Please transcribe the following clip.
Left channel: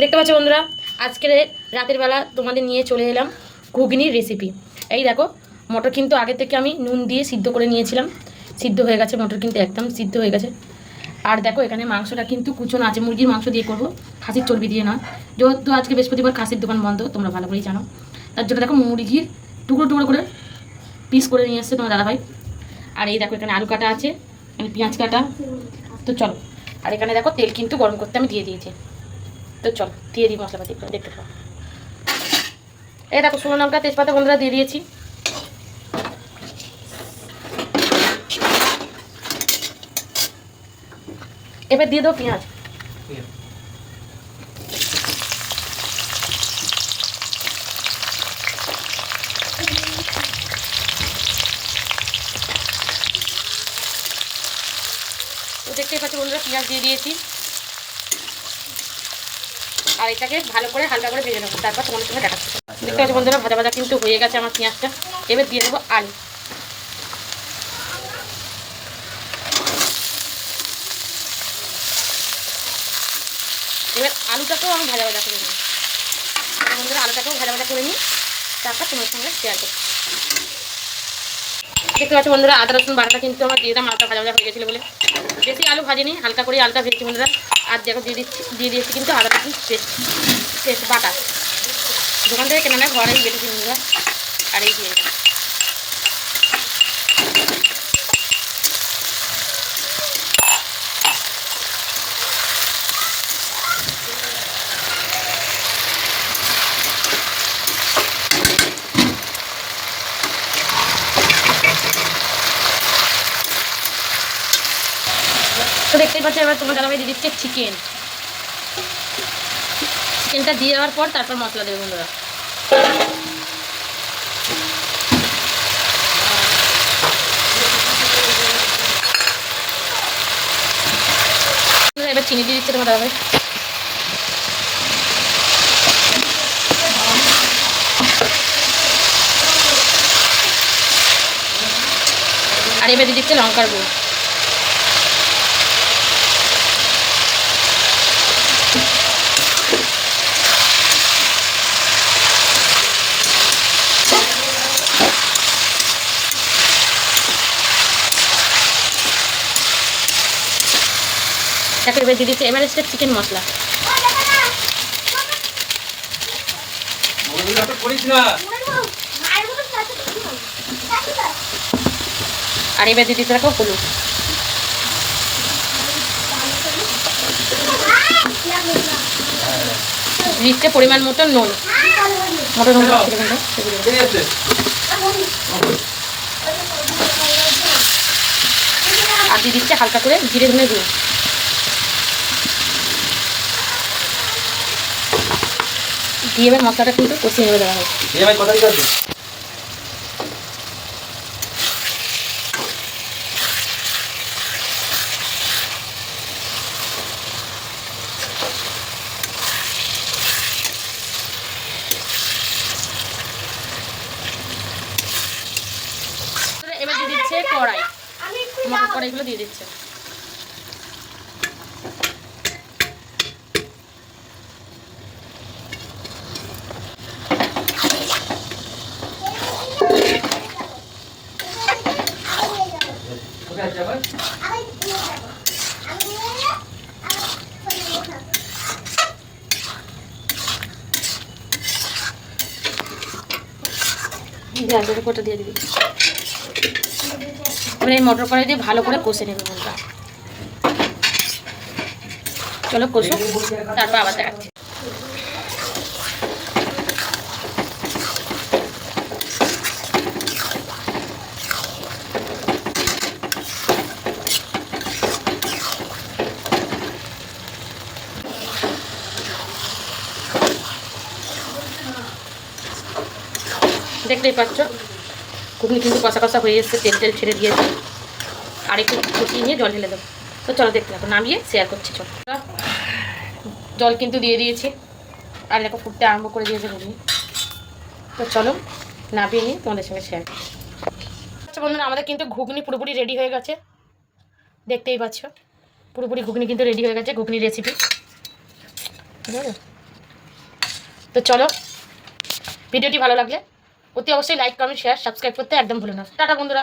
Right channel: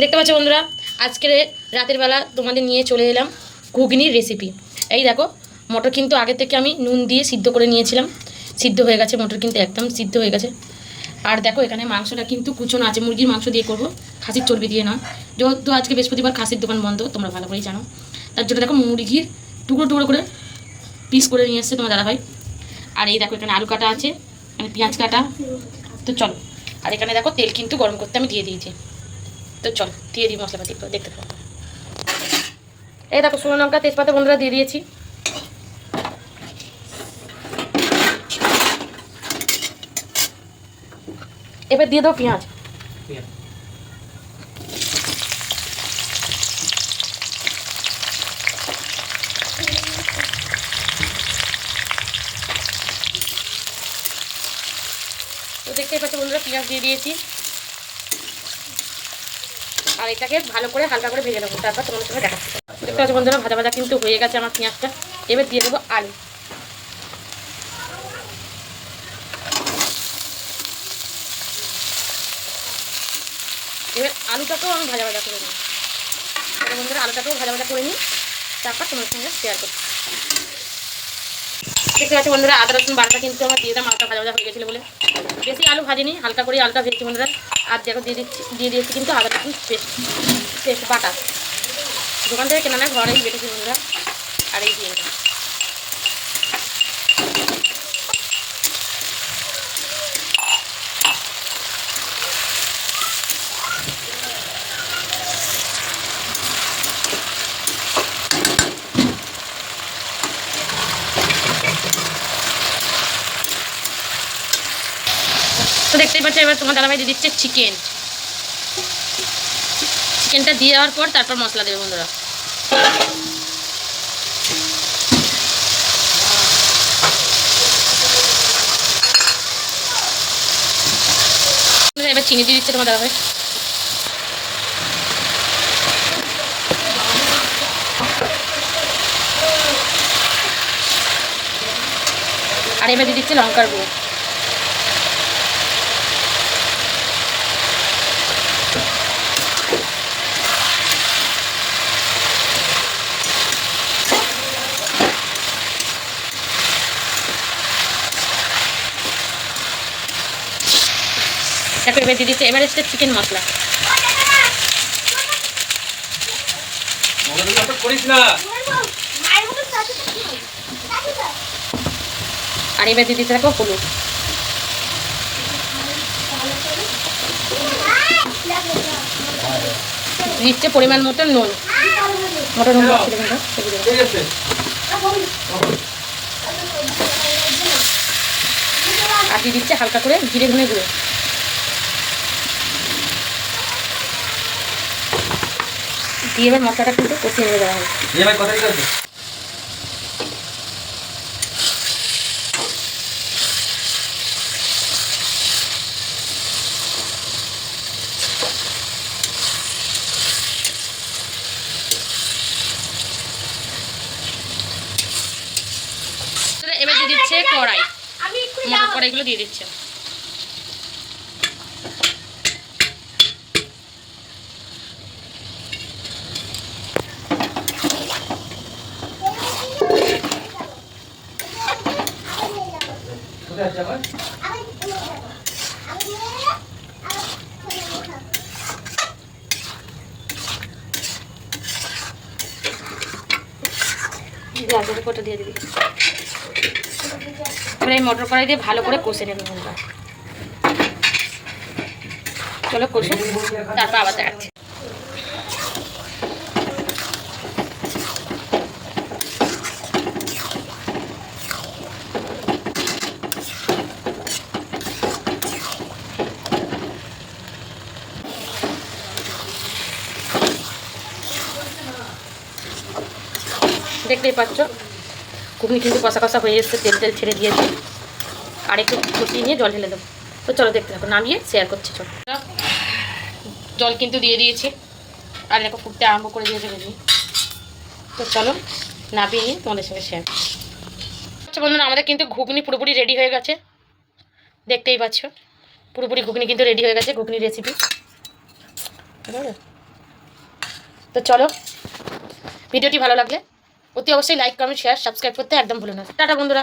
দেখতে পাচ্ছ বন্ধুরা, আজকে রাতের বেলা তোমাদের নিয়ে চলে এলাম ঘুগনির রেসিপি। এই দেখো, মটর কিন্তু আগে থেকে আমি নুন দিয়ে সিদ্ধ করে নিয়েছিলাম। সিদ্ধ হয়ে গেছে মটর, কিন্তু একদম সিদ্ধ হয়ে গেছে। আর দেখো এখানে মাংসটা কিন্তু কুচনো আছে, মুরগির মাংস দিয়ে করবো, খাসির চর্বি দিয়ে নয়। যেহেতু আজকে বৃহস্পতিবার খাসির দোকান বন্ধ, তোমরা ভালো করেই জানো। তার জন্য দেখো মুরগির টুকরো টুকরো করে পিস করে নিয়ে এসছে তোমার দাদাভাই। আর এই দেখো এখানে আলু কাটা আছে, এখানে পেঁয়াজ কাটা। তো চলো, আর এখানে দেখো তেল কিন্তু গরম করতে আমি দিয়ে দিয়েছি। তো চলো দিয়ে দিই মশলাপাতি করে, দেখতে পাবো। এই দেখো শুকনো লঙ্কা তেজপাতা বন্ধুরা দিয়ে দিয়েছি। এবার দিয়ে দাও পেঁয়াজ। তো দেখতেই পাচ্ছ বন্ধুরা, পেঁয়াজ দিয়ে দিয়েছি। আর এটাকে ভালো করে হালকা করে ভেজে নেবো, তারপর তোমাদের সঙ্গে দেখাচ্ছি। দেখতে পাচ্ছ বন্ধুরা, ভাজা ভাজা কিন্তু হয়ে গেছে আমার পেঁয়াজটা। এবার দিয়ে দেবো আলু। এবার আলুটাকেও আমি ভাজা ভাজা করে নিই। বন্ধুরা আলুটাকেও ভাজা ভাজা করে নিই, তারপর তোমার সঙ্গে শেয়ার করছি। দেখতে পাচ্ছি বন্ধুরা, আদা রসুন বাটাটা কিন্তু আমার দিয়ে দাম, আলুটা ভাজা ভাজা হয়ে গেছিলো বলে বেশি আলু ভাজিনি, হালকা করে আলুটা ভেজেছি বন্ধুরা। আর দেখো দিয়ে দিয়েছি কিন্তু আদা রসুন পেস্ট বাটা, দোকান থেকে কেনা না, ঘরেই বেটেছি বন্ধুরা। আর এই দিয়ে দিলাম। তো দেখতেই পাচ্ছি, এবার তোমার দাদাভাই দিয়ে দিচ্ছে চিকেনটা দিয়ে দেওয়ার পর তারপর মশলা দেবে বন্ধুরা। এবার চিনি দিয়ে দিচ্ছে তোমার দাদাভাই। আর এবার দিয়ে দিচ্ছে লঙ্কার গুঁড়ো। দেখো এবার দিয়ে দিচ্ছে এভারেস্টের চিকেন মশলা। আর এবার দিয়ে দিচ্ছে দেখো হলুদ। দিচ্ছে পরিমাণ মতো নুন, মটর নুন আর দিয়ে দিচ্ছে হালকা করে জিরে ধনে গুঁড়ো। দিয়ে এবার মশলাটা কিন্তু কষিয়ে নেবে দেওয়া হয়। এবার দিয়ে দিচ্ছে কড়াই, মটর কড়াইগুলো দিয়ে দিচ্ছে। কটা দিয়ে দিবি। এবার এই মটর কড়াই দিয়ে ভালো করে কষে নেবে বন্ধুরা। চলো কষো, তারপর আবার দেখাচ্ছি। দেখতেই পাচ্ছ ঘুগনি কিন্তু কষা কষা হয়ে এসছে, তেল ছেড়ে দিয়েছে। আর একটু কষিয়ে নিয়ে জল ঢেলে দেবো। তো চলো দেখতে থাকো, নামিয়ে শেয়ার করছি। চলো, জল কিন্তু দিয়ে দিয়েছি, আর দেখো ফুটতে আরম্ভ করে দিয়েছে ঘুগনি। তো চলো নামিয়ে নিয়ে তোমাদের সঙ্গে শেয়ার করছি। আচ্ছা বন্ধুরা, আমাদের কিন্তু ঘুগনি পুরোপুরি রেডি হয়ে গেছে। দেখতেই পাচ্ছ পুরোপুরি ঘুগনি কিন্তু রেডি হয়ে গেছে, ঘুগনি রেসিপি। তো চলো, ভিডিওটি ভালো লাগলে অতি অবশ্যই লাইক কমেন্ট শেয়ার সাবস্ক্রাইব করতে একদম ভুলো না। টাটা বন্ধুরা।